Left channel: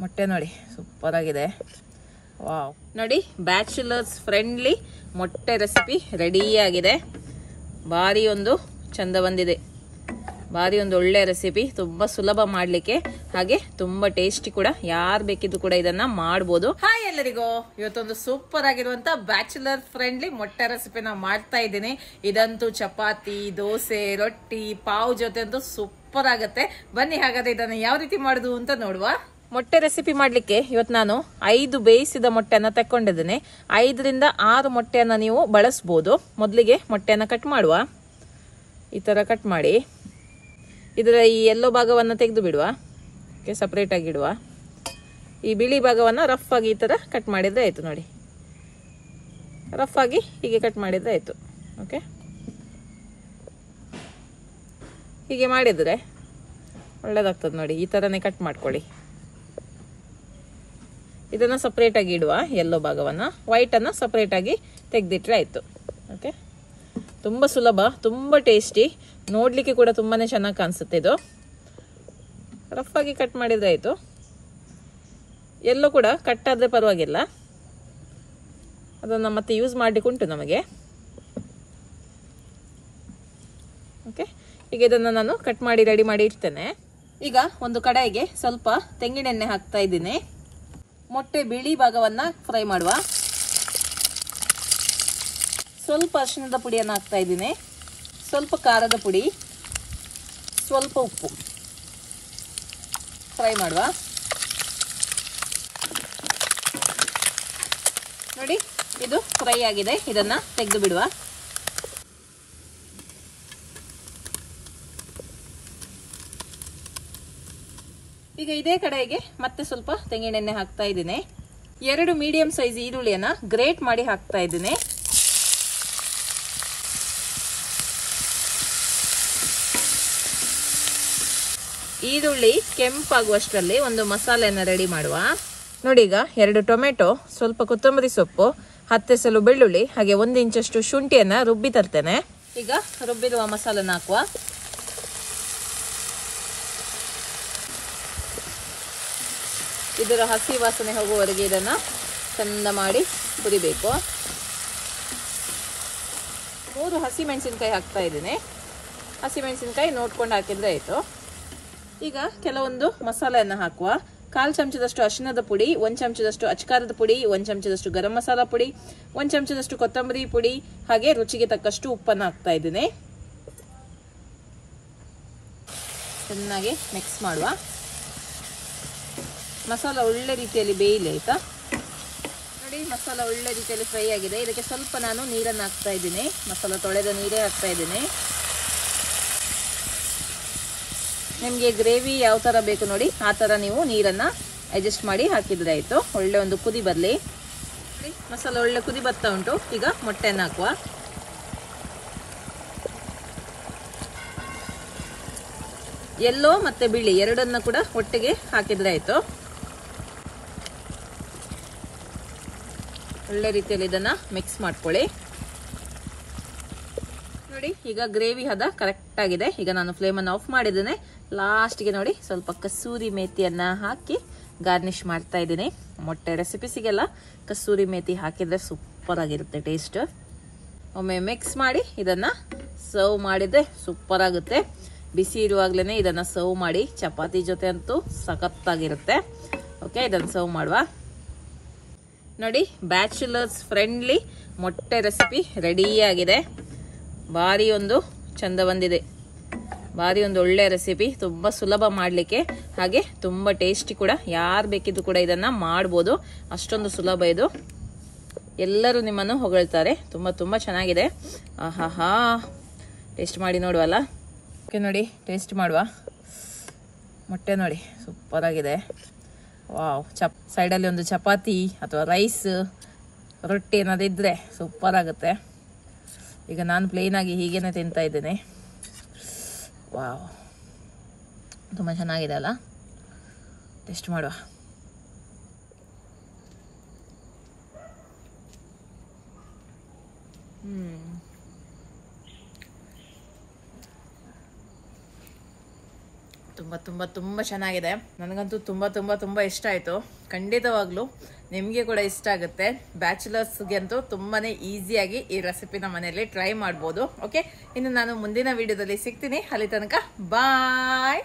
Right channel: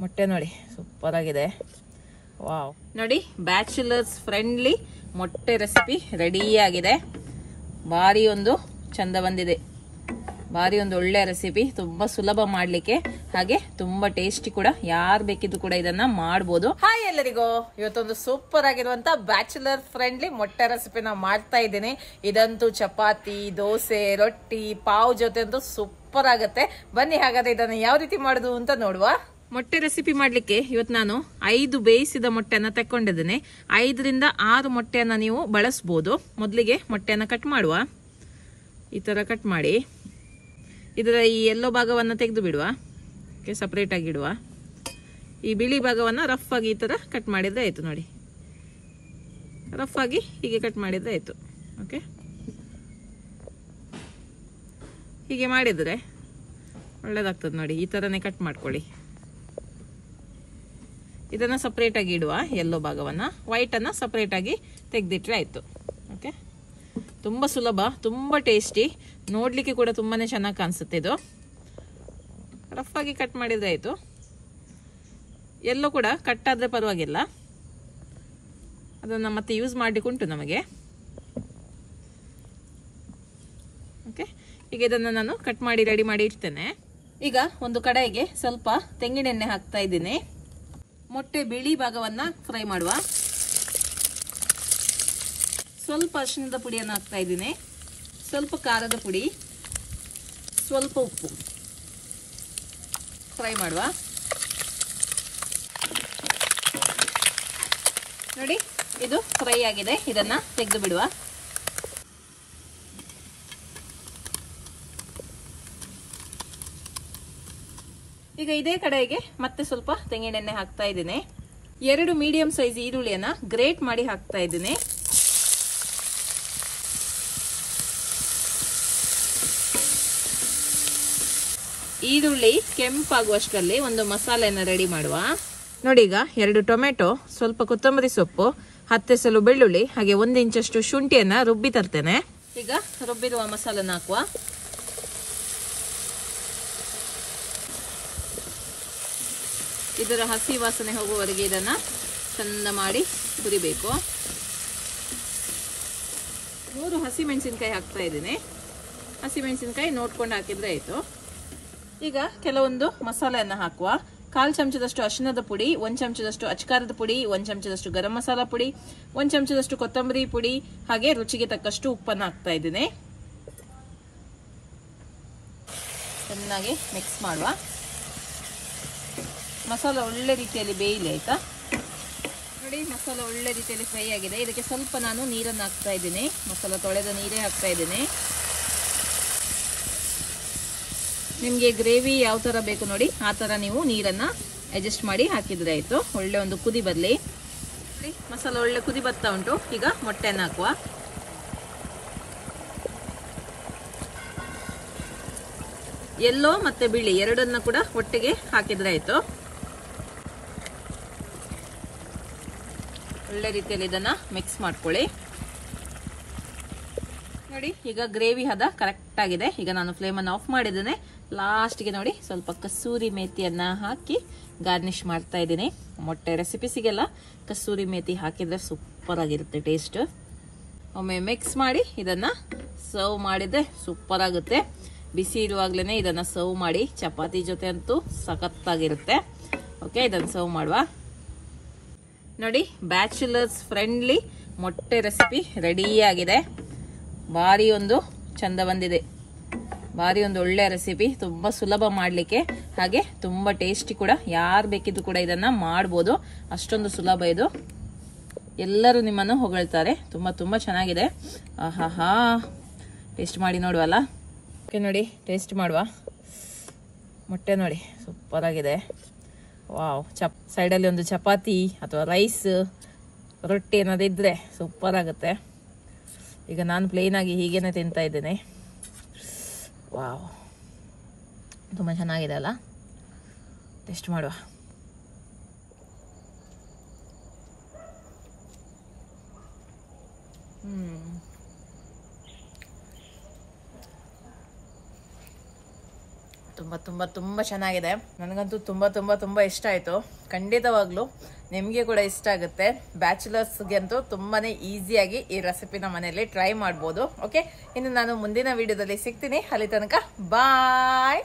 ಮೊಟ್ಟೆ ನೋಡಿ ಸೂಪರ್ ಆಗಿದೆ. ವಾವ್, ನೋಡಿ ಬ್ಯಾಚುಲರ್ಸ್ ಫ್ರೆಂಡ್ಲಿ ಮೊಟ್ಟೆ ರೆಸಿಪಿ ರೆಡಿ ಆಗಿದೆ. ಭಾರಿ ಒಂದು ಚಂದ ಬಂದಿದೆ, ಭಾರಿ ಒಂದು ಒಳ್ಳೆ ರೆಸಿಪಿ, ತುಂಬಾ ಸುಲಭ ಮಾಡ್ಲಿಕ್ಕೆ, ಹಾಗೆ ತುಂಬಾ ಟೇಸ್ಟಿ ಕೂಡ. ಯಾರು ಬೇಕಿದ್ರು ಕೂಡ ಇದನ್ನ ಮಾಡಬಹುದು. ಹಾಯ್ ಎಲ್ಲರಿಗೂ, ಇವತ್ತೊಂದು ಸೂಪರ್ ಆಗಿರುವಂತ ಬ್ಯಾಚುಲರ್ ಫ್ರೆಂಡ್ಲಿ ಮೊಟ್ಟೆ ರೆಸಿಪಿನ ಮಾಡ್ತಾ ಇದ್ದೀನಿ. ಇದಂತೂ ಚಪಾತಿ, ದೋಸೆ, ರೊಟ್ಟಿ, ಪಾವ್ ಜೊತೆ ಅಂತೂ ಸೂಪರ್ ಆಗುತ್ತೆ. ಬನ್ನಿ ಹಾಗಾದ್ರೆ ಇದನ್ನ ಯಾವ ರೀತಿ ಮಾಡುದು ಅಂತ ನೋಡುವ. ಮೊಟ್ಟೆ ರೆಸಿಪಿ ಮಾಡ್ಲಿಕ್ಕೆ ಇವತ್ತು ನಾನು 5 ಬೇಯಿಸಿದ ಮೊಟ್ಟೆಯನ್ನ ತಕೊಂಡಿದ್ದೇನೆ. 5ರಿಂದ 6 ಮೊಟ್ಟೆಯನ್ನ ನೀವು ಬಳಸಬಹುದು. ಮೊದಲಿಗೆ ಮೊಟ್ಟೆಯನ್ನ ಕಟ್ ಮಾಡುವ. ಈ ತರ ಕಟ್ ಮಾಡಿ ಇದರ ಈ ಯೆಲ್ಲೋ ಭಾಗವನ್ನು ತೆಗೆದು ಬಿಡುವ. ಸಪರೇಟ್ ಆಗಿ ಇಡುವ. ಈ ಬಿಳಿ ಭಾಗವನ್ನು ರಫ್ ಆಗಿ ಈ ತರ ಕಟ್ ಮಾಡಿದ್ರೆ ಆಯ್ತು. ನೋಡಿ, ರಫ್ ಆಗಿ ಹೀಗೆ ಕಟ್ ಮಾಡಿದ್ರೆ ಆಯ್ತು. ಓಕೆ, ಹೀಗೆ ಮಾಡಿದ್ರೆ ಒಳ್ಳೇದಾಗ್ತದೆ. ನೋಡಿ, ಈ ತರನೇ ಕಟ್ ಮಾಡ್ಕೊಳ್ಳಿ. ಇದನ್ನ ಸಪರೇಟ್ ಆಗಿ ಇಡುವ. ಯೆಲ್ಲೋ ಭಾಗವನ್ನ, ವೈಟ್ ಅನ್ನ ಸಪರೇಟ್ ಆಗಿ ತೆಗೆದಿಟ್ರೆ ಆಯ್ತು. ಓಕೆ, ತುಂಬಾ ಸುಲಭ, ತುಂಬಾ ಟೇಸ್ಟಿ, ನೋಡ್ಲಿಕ್ಕೆ ಕೂಡ ತುಂಬಾನೇ ಚೆನ್ನಾಗಿ ಕಾಣಿಸುತ್ತೆ. ಇದು ರಫ್ ಆಗಿ ಕಟ್ ಮಾಡಿದ್ರೆ ಆಯ್ತು. ಎಲ್ಲೋ ಕೂಡ ಕಟ್ ಆದ್ರೆ ಪರವಾಗಿಲ್ಲ, ಅದನ್ನ ಮತ್ತೆ ಯೂಸ್ ಮಾಡ್ಲಿಕ್ಕೆ ಉಂಟು ನಮಗೆ. ಓಕೆ, ಈಗ ಇದನ್ನ ನಾನು ಕಟ್ ಮಾಡಿ ರೆಡಿ ಮಾಡಿ ಇಡ್ತೇನೆ. ಈಗ ಒಂದು ಕಡಾಯಿಗೆ ಸ್ವಲ್ಪ ತೆಂಗಿನೆಣ್ಣೆ ಹಾಕ್ತಾ ಇದ್ದೀನಿ. ಮೊಟ್ಟೆ ಬಿಳಿ ಭಾಗವನ್ನ ಫ್ರೈ ಮಾಡುವ. ಸ್ವಲ್ಪ ಅರಿಶಿಣದ ಪುಡಿಯನ್ನು ಹಾಕ್ತಾ ಇದ್ದೀನಿ, ಸ್ವಲ್ಪ ಖಾರದ ಪುಡಿ, ಸ್ವಲ್ಪ ಉಪ್ಪು. ಫ್ರೈ ಮಾಡುವ. ನೋಡಿ, ಇದು ಫ್ರೈ ಆಗಿದೆ. ಇದನ್ನ ತೆಗೆದು ಬಿಡುವ. ಈಗ ಇದೇ ಕಡೆಗೆ ಮತ್ತೆ ಸ್ವಲ್ಪ ತೆಂಗಿನೆಣ್ಣೆ ಹಾಕ್ತಾ ಇದ್ದೀನಿ. 2 ಮೀಡಿಯಂ ಸೈಜ್ ಈರುಳ್ಳಿಯನ್ನ ಗ್ರೇಟ್ ಮಾಡಿ ಹಾಕ್ತಾ ಇದ್ದೀನಿ. ಈರುಳ್ಳಿ ಕೆಂಪಾಗುವಷ್ಟರಲ್ಲಿ ಒಂದು ಮಸಾಲೆಯನ್ನು ರೆಡಿ ಮಾಡುವ. ನೋಡಿ, ಈಗ 2 ಟೊಮೆಟೊ, ಸ್ವಲ್ಪ ಕೊತ್ತಂಬರಿ ಸೊಪ್ಪು, 10 ಎಸಳು ಬೆಳ್ಳುಳ್ಳಿ, ಹಾಗೆ 1 ಇಂಚಷ್ಟು ಶುಂಠಿಯನ್ನ ರುಬ್ಬಿ ತರ್ತೇನೆ. ಈಗ ರುಬ್ಬಿರುವ ಮಸಾಲನ್ನ ಹಾಕುವ. ಇದರ ಹಸಿ ವಾಸನೆ ಹೋಗುವವರೆಗೆ ಇದನ್ನ ಚಂದ ಮಾಡಿ ಹುರಿಬೇಕು. 3 ಹಸಿಮೆಣಸಿನಕಾಯಿ ಹಾಕ್ತಾ ಇದ್ದೀನಿ. ಹಸಿಮೆಣಸಿನಕಾಯಿ ನೋಡ್ಕೊಂಡು ಹಾಕಿದ್ರೆ ಆಯ್ತು. ಈಗ ಕೆಲವೊಂದು ಮಸಾಲೆಯನ್ನು ಹಾಕುವ. 1/4 ಚಮಚದಷ್ಟು ಅರಿಶಿಣದ ಪುಡಿ, 1 ಚಮಚದಷ್ಟು ಅಚ್ಕಾರದ ಪುಡಿ, 1 ಚಮಚದಷ್ಟು ಗರಂ ಮಸಾಲ ಪುಡಿ, 1 ಚಮಚದಷ್ಟು ಕೊತ್ತಂಬರಿ ಪುಡಿ, ಹಾಗೆ ರುಚಿಗೆ ತಕ್ಕಷ್ಟು ಉಪ್ಪನ್ನು ಹಾಕ್ತಾ ಇದ್ದೀನಿ. ಚೆನ್ನಾಗಿ ಮಿಕ್ಸ್ ಮಾಡುವ. ಮಸಾಲ ಒಳ್ಳೆ ರೀತಿಯಲ್ಲಿ ಬೇಯಲಿ, ಆಯ್ತಾ? ನೋಡಿ, ಮಸಾಲ ಒಳ್ಳೆ ರೀತಿಯಲ್ಲಿ ಫ್ರೈ ಆಗಿದೆ. ಇದಕ್ಕೆ ಸ್ವಲ್ಪ ನಾನು ನೀರನ್ನು ಹಾಕ್ತಾ ಇದ್ದೀನಿ. ಮಸಾಲ ತೊಳೆದ ನೀರೇ ಹಾಕ್ತಾ ಇದ್ದೀನಿ. ನಿಮಗೆ ಗ್ರೇವಿ ಯಾವ ತರ ಬೇಕು ನೋಡಿ, ಆ ತರ ನೀವು ನೀರನ್ನ ಅಡ್ಜಸ್ಟ್ ಮಾಡಿ ಹಾಕಿದ್ರೆ ಆಯ್ತು. ಒಳ್ಳೆ ಒಂದು ಕುದಿ ಬರಲಿ. ಮಸಾಲ ಒಳ್ಳೆ ಕುದಿ ಬರ್ತಾ ಉಂಟು. ಈಗ ಮೊಟ್ಟೆಯನ್ನು ಹಾಕುವ. ಯೆಲ್ಲೋ ಮತ್ತೆ ಬಿಳಿ ಎರಡನ್ನ ಕೂಡ ಒಟ್ಟಿಗೆ ಹಾಕಿದ್ರೆ ಆಯ್ತು. ಒಳ್ಳೆ ರೀತಿಯಲ್ಲಿ ಇದನ್ನ ಮಿಕ್ಸ್ ಮಾಡ್ಕೊಳ್ಳಿ. ನೋಡಿ, ಈಗ ಗ್ರೇವಿ ಹದ ಕರೆಕ್ಟ್ ಆಗಿದೆ. ಈಗ ನಾನು ಫ್ಲೇಮ್ ಅನ್ನು ಆಫ್ ಮಾಡಿದ್ದೇನೆ. ಲಾಸ್ಟ್ಗೆ ನೋಡಿ ಸ್ವಲ್ಪ ಕಸೂರಿ ಮೇಥಿಯನ್ನ ಹಾಕಿ ಗಾರ್ನಿಶ್ ಮಾಡ್ತಾ ಇದ್ದೀನಿ. ಮೊಟ್ಟೆ ರೆಸಿಪಿಸಿಗೆಲ್ಲ ಕಸೂರಿ ಮೇಥಿ ಹಾಕಿದ್ರೆ ಸೂಪರ್ ಆಗಿರುತ್ತೆ ಟೇಸ್ಟ್. ಒಮ್ಮೆ ಮಿಕ್ಸ್ ಮಾಡಿ ಇದನ್ನ ಸರ್ವ್ ಮಾಡಿದ್ರೆ ಸೂಪರ್ ಆಗುತ್ತೆ. ಬಿಸಿ ಇರುವಾಗ್ಲೇನೆ ಇದನ್ನ ಸರ್ವ್ ಮಾಡಿ. ಚಪಾತಿ ಜೊತೆ ಅಂತೂ ಸಖತ್ತಾಗಿರುತ್ತೆ. ಓಕೆ, ಇದನ್ನ ಸರ್ವ್ ಮಾಡುವ. ನೋಡಿ, ಬ್ಯಾಚುಲರ್ಸ್ ಫ್ರೆಂಡ್ಲಿ ಮೊಟ್ಟೆ ರೆಸಿಪಿ ರೆಡಿ ಆಗಿದೆ. ಭಾರಿ ಒಂದು ಚಂದ ಬಂದಿದೆ. ಭಾರಿ ಒಂದು ಒಳ್ಳೆ ರೆಸಿಪಿ, ತುಂಬಾ ಸುಲಭ ಮಾಡ್ಲಿಕ್ಕೆ, ಹಾಗೆ ತುಂಬಾ ಟೇಸ್ಟಿ ಕೂಡ. ಯಾರು ಬೇಕಿದ್ರು ಕೂಡ ಇದನ್ನ ಮಾಡಬಹುದು. ಅಷ್ಟೊಂದು ಸುಲಭ ಇದು. ಎಲ್ಲರೂ ನಿಮ್ಮನ್ನು ಹೊಗಳ್ತಾರೆ. ತುಂಬಾ ತುಂಬಾ ಚೆನ್ನಾಗಿದೆ. ಆಹಾ, ಟೇಸ್ಟ್ ಮಾಡಿ ನೋಡುವಲ್ಲ. ಓಕೆ, ನೋಡಿ ಟೇಸ್ಟ್ ಮಾಡುವ. ಮೊಟ್ಟೆ ನೋಡಿ ಸೂಪರ್ ಆಗಿದೆ. ವಾವ್, ಸೈಡಲ್ಲಿ ಒಂದು ಚಪಾತಿ ಅಥವಾ ರೈಸ್, ರೊಟ್ಟಿ ಏನಾದ್ರು ಇದ್ರೆ ಸೂಪರ್ ಆಗುತ್ತೆ. ಈಗ ನಾನು ಪ್ಲೇನ್ ಆಗಿ ಹೀಗೇನೆ ತಿಂತಾ ಇದ್ದೇನೆ. ವಾವ್, ತುಂಬ ಚೆನ್ನಾಗಿದೆ ಅಲ್ಲ? ಟೇಸ್ಟ್ ಮಾಡುವ. ತುಂಬಾ ತುಂಬಾ ತುಂಬಾ ಚೆನ್ನಾಗಿದೆ. ನನಗಂತೂ ತುಂಬಾ ತುಂಬಾ ತುಂಬಾ ಇಷ್ಟ ಆಯ್ತು. ಖಂಡಿತವಾಗ್ಲು ನಿಮ್ಗೆ ಕೂಡ ಇಷ್ಟ ಆಗುತ್ತೆ. ಬ್ಯಾಚುಲರ್ಸ್ಗೆ ಅಂತೂ ತುಂಬಾನೇ ಈಸಿಯಾಗಿ ಈ ರೆಸಿಪಿನ ಮನೆಯಲ್ಲಿ ಟ್ರೈ ಮಾಡ್ಬೋದು. ಓಕೆ, ಇನ್ನು ನಾನು ಮುಂದಿನ ವಿಡಿಯೋದಲ್ಲಿ ಸಿಗ್ತೀನಿ. ಅಲ್ಲಿ ತನಕ ಬಾಯ್.